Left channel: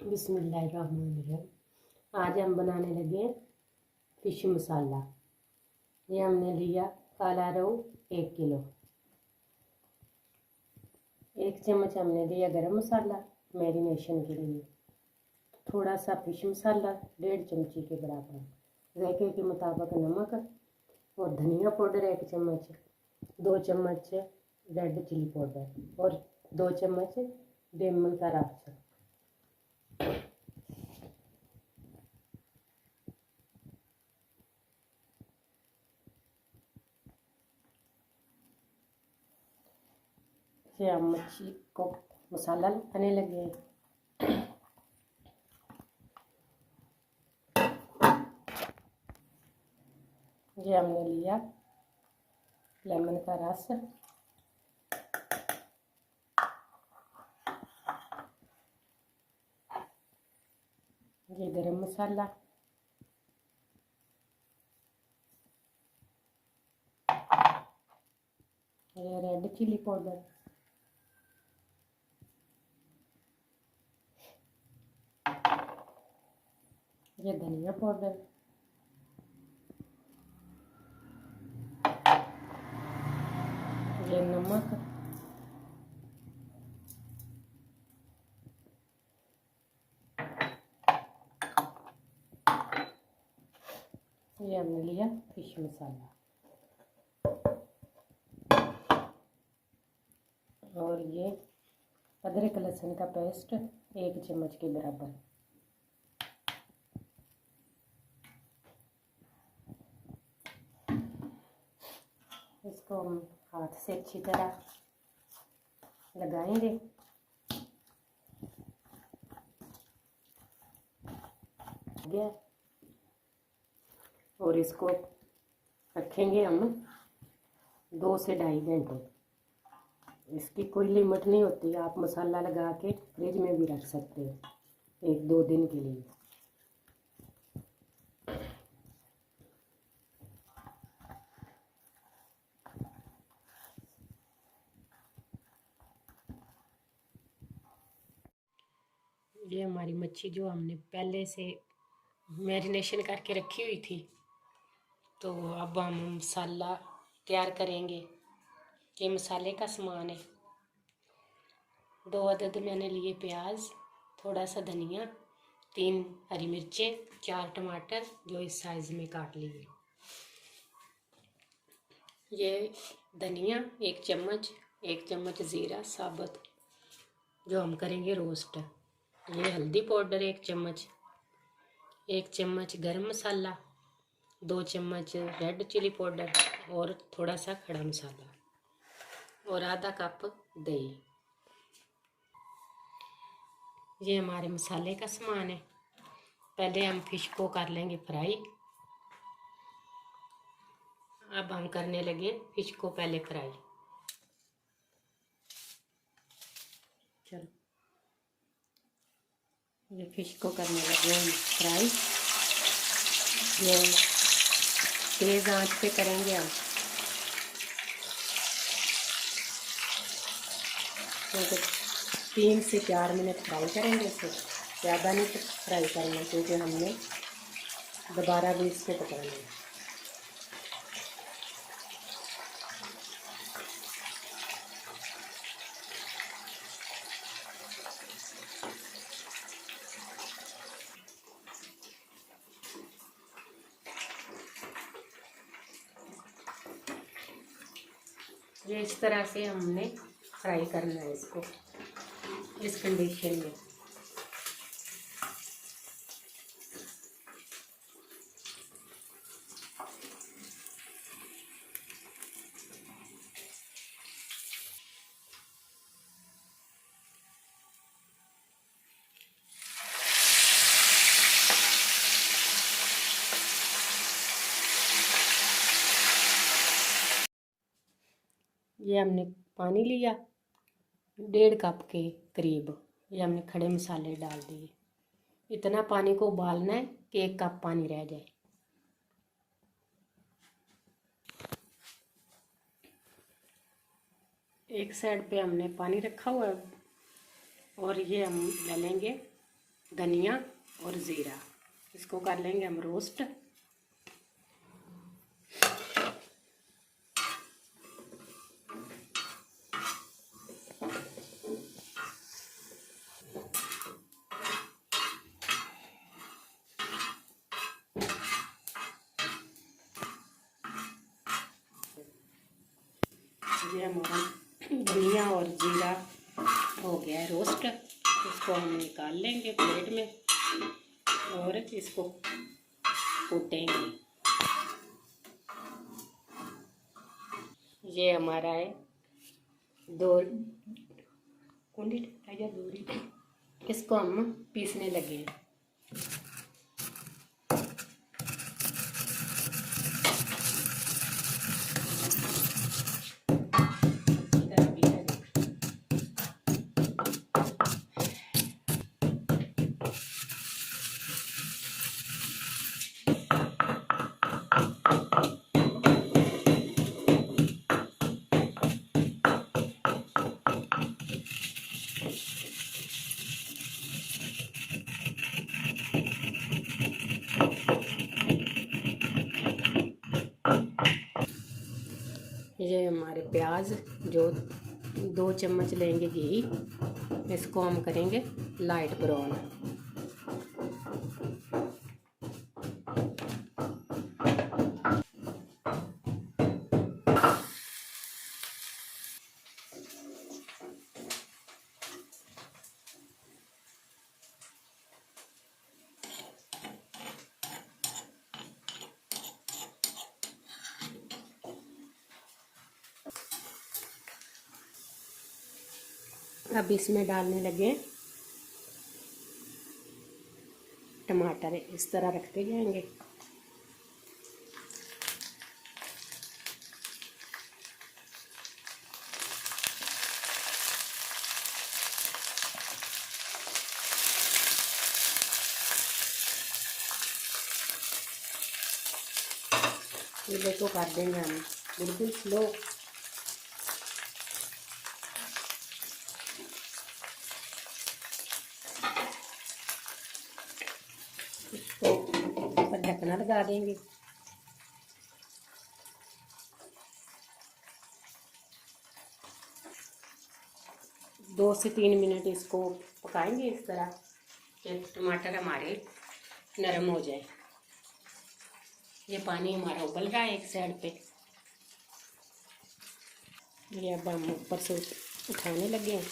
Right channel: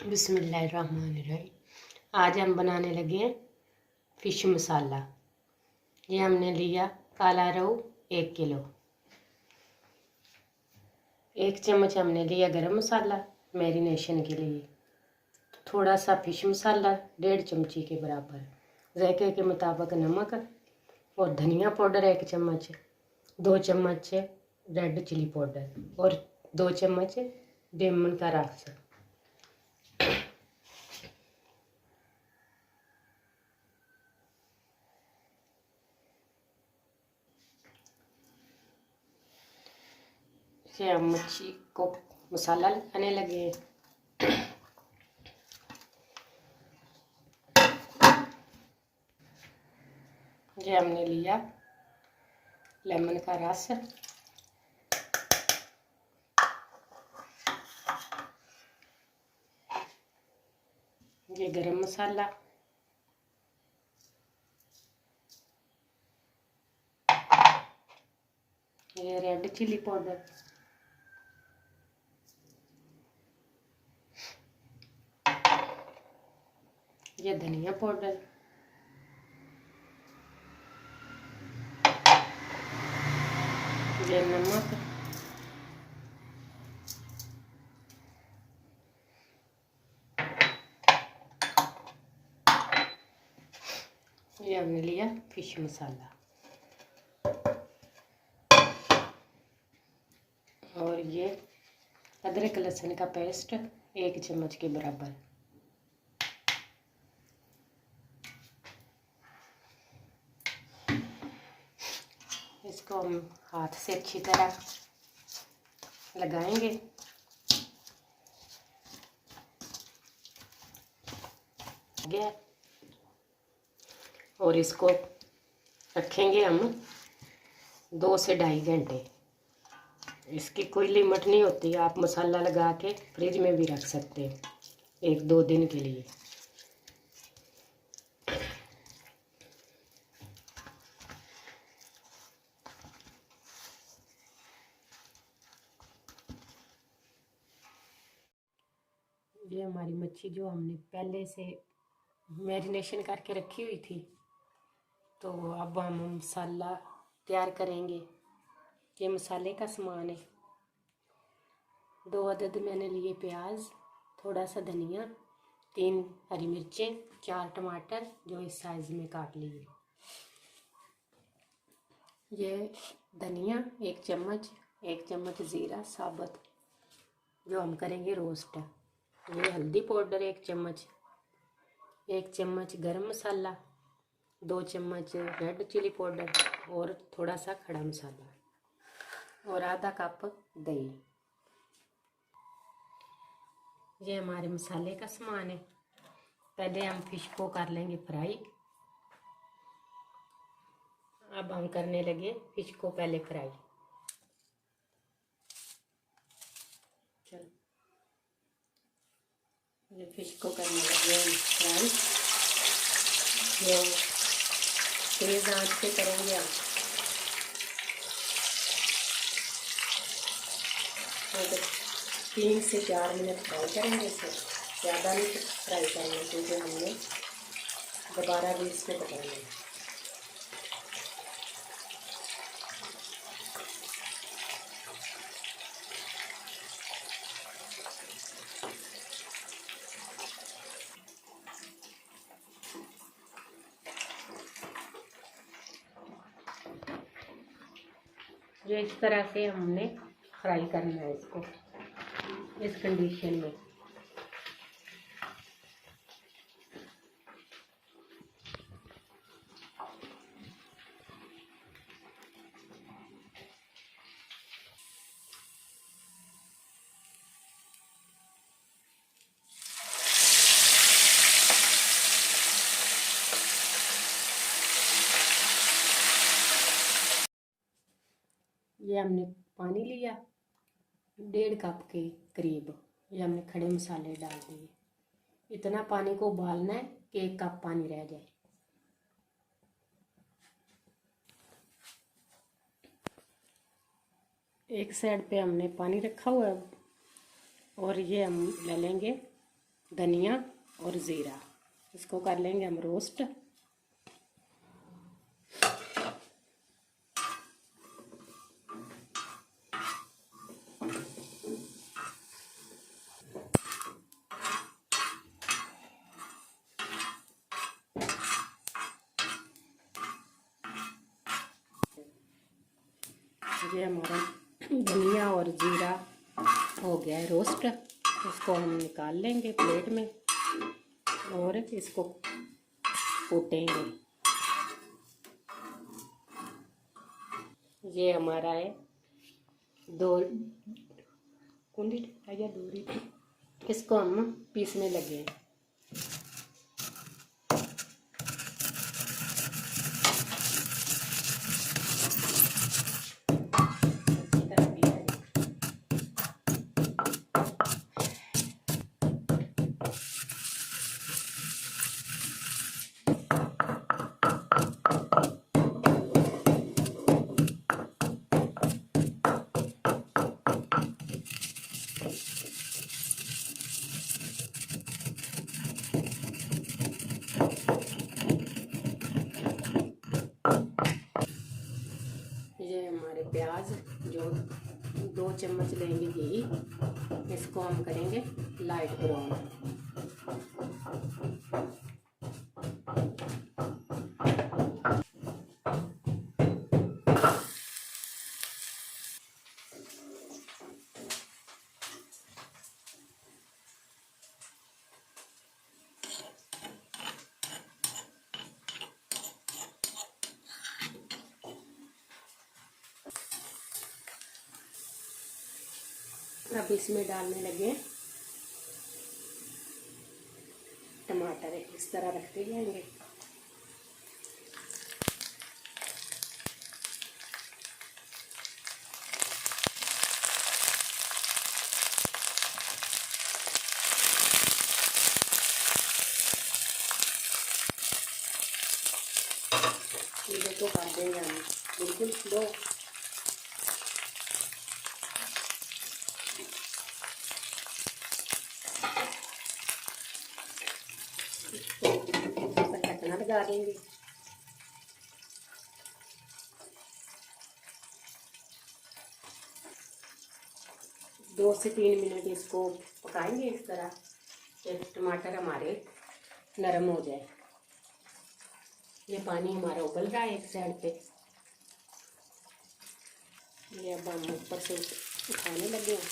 बिस्मिल्लाहिर्रहमानिर्रहीम। आज हम बनाने लगे हैं फ़िश मसाला। ये हमने लिया काला रोहू 1 किलो। 1 चम्मच हमने लिया गरम मसाला मैरिनेशन के लिए। थोड़ा सा फ़िश मसाला 1.5 चमची के बराबर, जायके के मुताबिक नमक और धनिया पाउडर 1 चम्मच, 2 चम्मच रेड चिली पाउडर और 2 चम्मच लेमन का रस। ये हम मच्छी को मसाला लगाने लगे हैं। ये हमने लिया लेमन का रस, ये गरम मसाला, ये रेड चिली पाउडर, ये धनिया पाउडर, ये नमक, ये हमने लिया फिश मसाला और ये अदरक लहसुन का पेस्ट 1 चम्मच के बराबर। इसको हम हाथ से अच्छी तरह लगाएंगे। गया और इसको रखेंगे हम 2 से 2.5 घंटे। इसकी कोई लिमिट नहीं होती, आप मसाला लगा के फ्रिज में भी रख सकते हैं 1-2 दिन के लिए। ये हमारी मच्छी जो हमने पहले से मैरिनेशन करके रखी हुई थी, तो अब हम मसाला तैयार करेंगे। ये मसाले का सामान है। 2 अदद मैंने लिए प्याज, थोड़ा सा धनिया, 3 हरी मिर्चें, 4 टमाटर जो इस साइज़ में काट लिए। ये धनिया 1 चम्मच, 1 चम्मच ज़ीरा साबुत जो हम करेंगे रोस्ट। ये हल्दी पाउडर 1 चम्मच, 1 चम्मच गरम मसाला, 2 चम्मच रेड चिली पाउडर और थोड़ा सा खड़ा मसाला और आधा कप दही। ये हमारे मसाले का सामान है। पहले हम फिश को कर लेंगे फ्राई। अब हम करने लगे फिश को पहले फ्राई। चलो, ये फिश को करने लगे हम फ्राई। ये तेज आंच पे करेंगे हम। तो 3 से 4 मिनट फ्राई करेंगे इसे, ज़्यादा नहीं फ्राई करना क्योंकि हमने दोबारा भी इसको पकाना है। ये इस तरह से हमने फ्राई करना है इसको, इस कंडीशन में। ये हमने पानी लिया 1.5 कप के करीब। ये हमने खड़े मसाले डाल दिए। इतना पानी को उबालना है कि 1 कप पानी रह जाए। एक साइड पे हमने पानी रखा हुआ है और ये हम ले लेंगे धनिया और ज़ीरा, इसको कर लेंगे हम रोस्ट। ये हमारा धनिया और जीरा हो गया है रोस्ट, इसको हम निकाल लेंगे प्लेट में और इसको कूटेंगे। ये हमारा है दो कुंडी, इसको हम पीसने लगे हैं। ये हमारे प्याज जो 2 चम्मच लेंगे घी, इसको हम करेंगे लाइट ब्राउन। अब इसमें डालने लगे टमाटर, इस तरह रखते जाएंगे। ये तो कर देंगे हम बिल्कुल स्लो। तो ढकना लगा देंगे। दो से 3 मिनट इसको पकाएंगे इस तरह कि टमाटर हमारे नरम हो जाए। ये पानी हमारा उबल रहा है एक साइड पे। ये अब हम ऊपर से उठाने लगे हैं।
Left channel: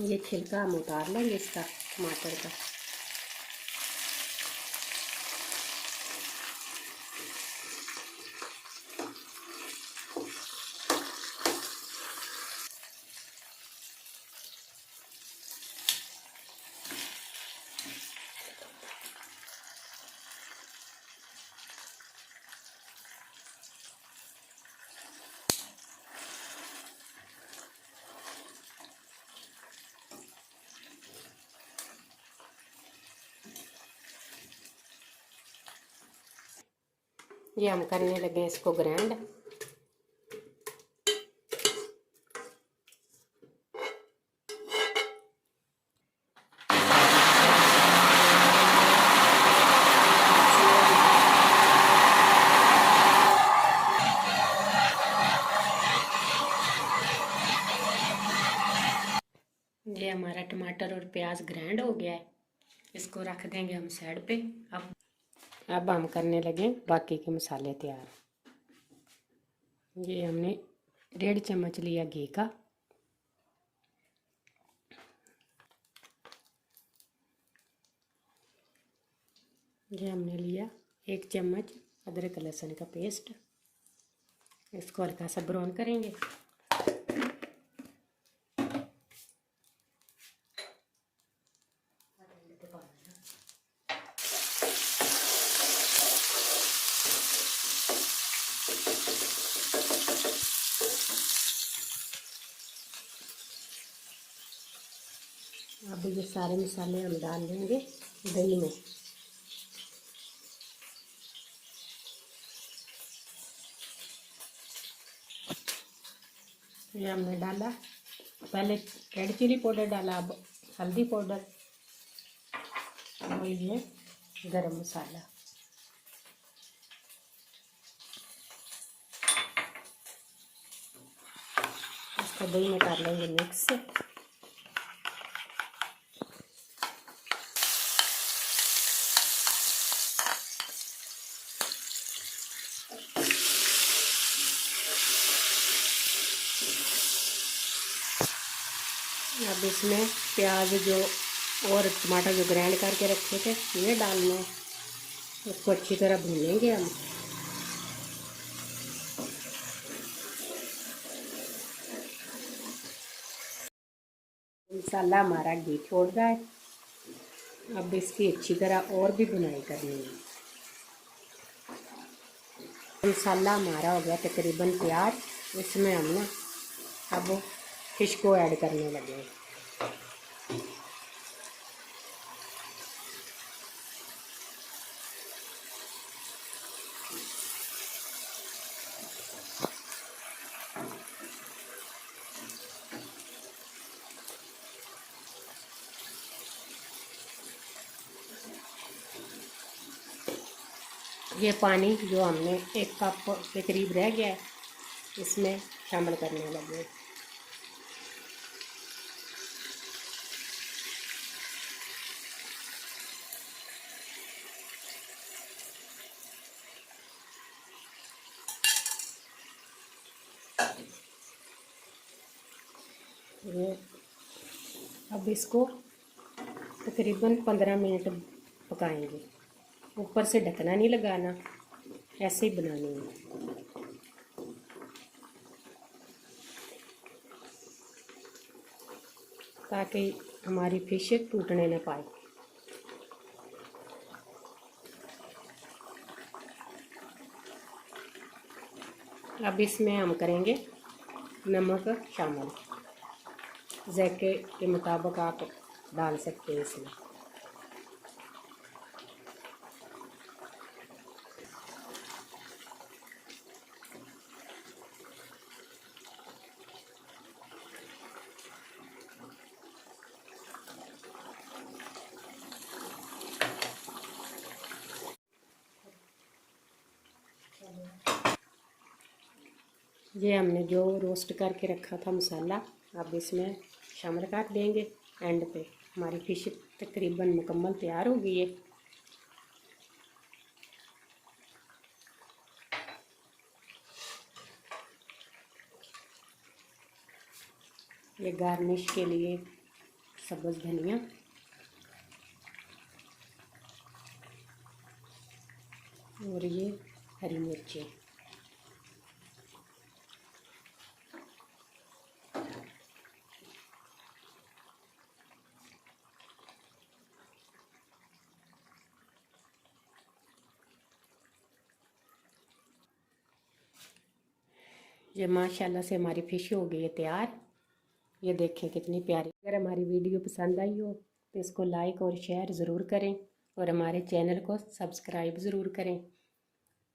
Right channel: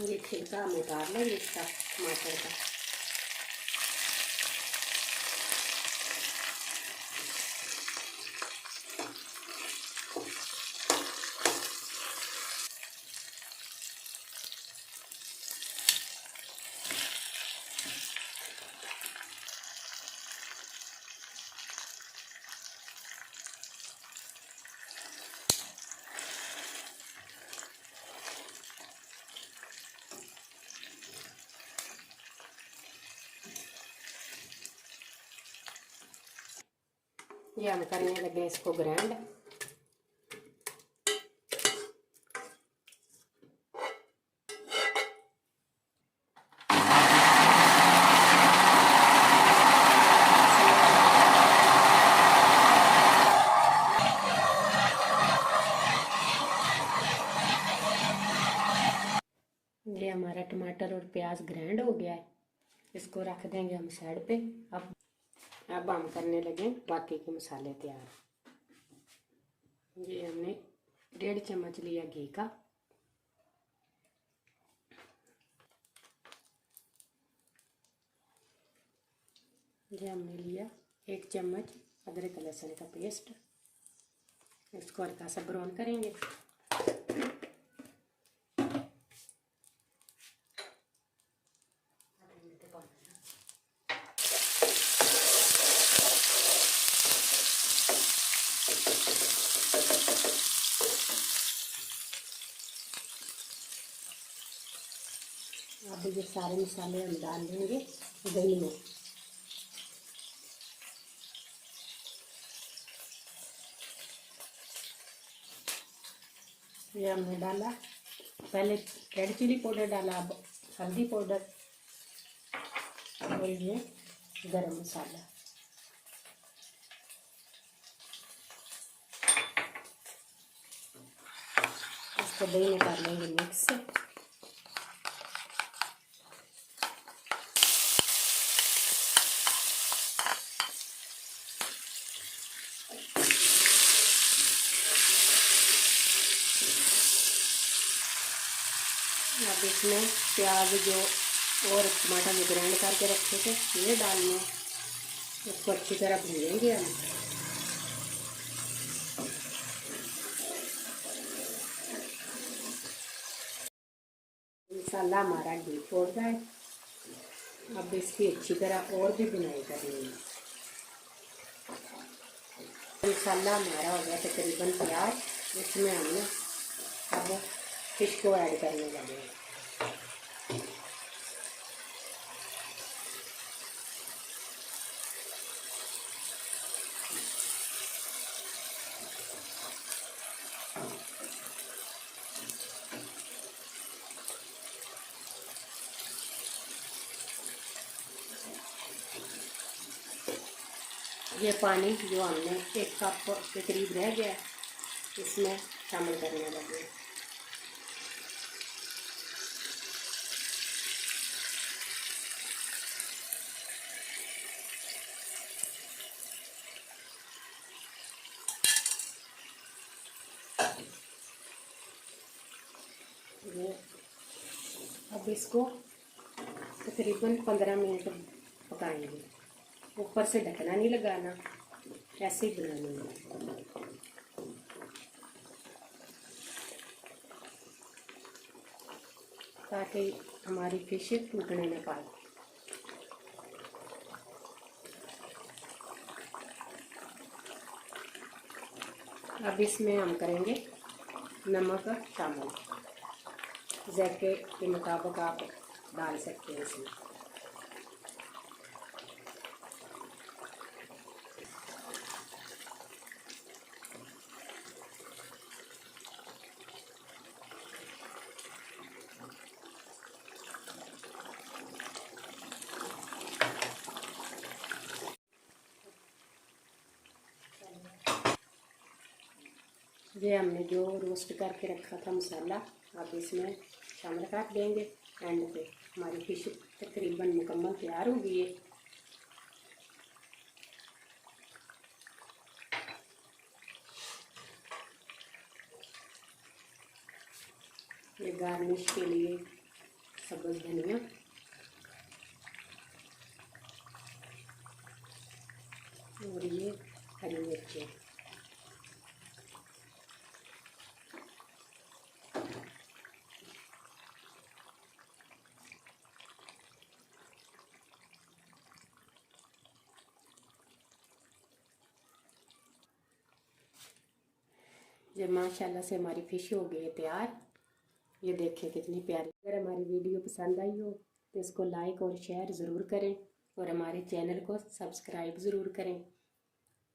ये छिलका हम उतार लेंगे इसका टमाटर का। ये हम करने लगे इसको ग्राइंड। ये हमारा टमाटर और प्याज ग्राइंड हो गया है, इसको रख देंगे हम साइड पे। अब हम करने लगे बाकी के मसाले तैयार। ये हमने 1.5 चम्मच लिया घी का। ये हमने लिया 1 चम्मच अदरक लहसुन का पेस्ट, इसको हल्का सा ब्राउन करेंगे। अब ये सारे मसाले हम डाल देंगे दही में। ये हमने डाला, पहले रेड चिली पाउडर डाला, अब हल्दी पाउडर और ये गरम मसाला। इसको दही में कर लेंगे मिक्स। अब इसमें प्याज जो और टमाटर जो ग्राइंड करके रखे थे ये डालना है। उसको अच्छी तरह भूनेंगे हम। मसाला हमारा घी छोड़ रहा है। अब इसकी अच्छी तरह और भी भुनाई करनी है। मसाला हमारा हो गया तकरीबन तैयार। इसमें हम ना अब फिश को ऐड करने लगे। ये पानी जो हमने 1 कप के करीब रह गया है इसमें शामिल करने लगे। ये अब इसको तकरीबन 15 मिनट पकाएंगे। ऊपर से ढकना नहीं लगाना, ऐसे ही बनानी है ताकि हमारी फिश टूटने न पाए। अब इसमें हम करेंगे नमक शामिल। जायके के मुताबिक आप डाल सकते हैं इसमें। ये हमने जो रोस्ट करके रखा था मसाला अब इसमें शामिल कर देंगे। एंड पे हमारी फिश तकरीबन मुकम्मल तैयार हो गई है। ये गार्निश के लिए सब्ज़ धनिया और ये हरी मिर्चें। ये माशाल्लाह से हमारी फ़िश हो गई है तैयार। ये देखें कितनी प्यारी। अगर हमारी वीडियो पसंद आई हो तो इसको लाइक और शेयर ज़रूर करें और हमारे चैनल को सब्सक्राइब ज़रूर करें।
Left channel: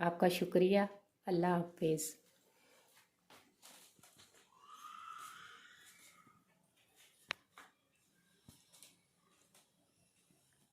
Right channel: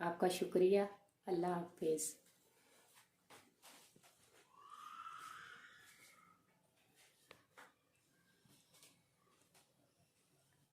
आपका शुक्रिया। अल्लाह हाफिज़।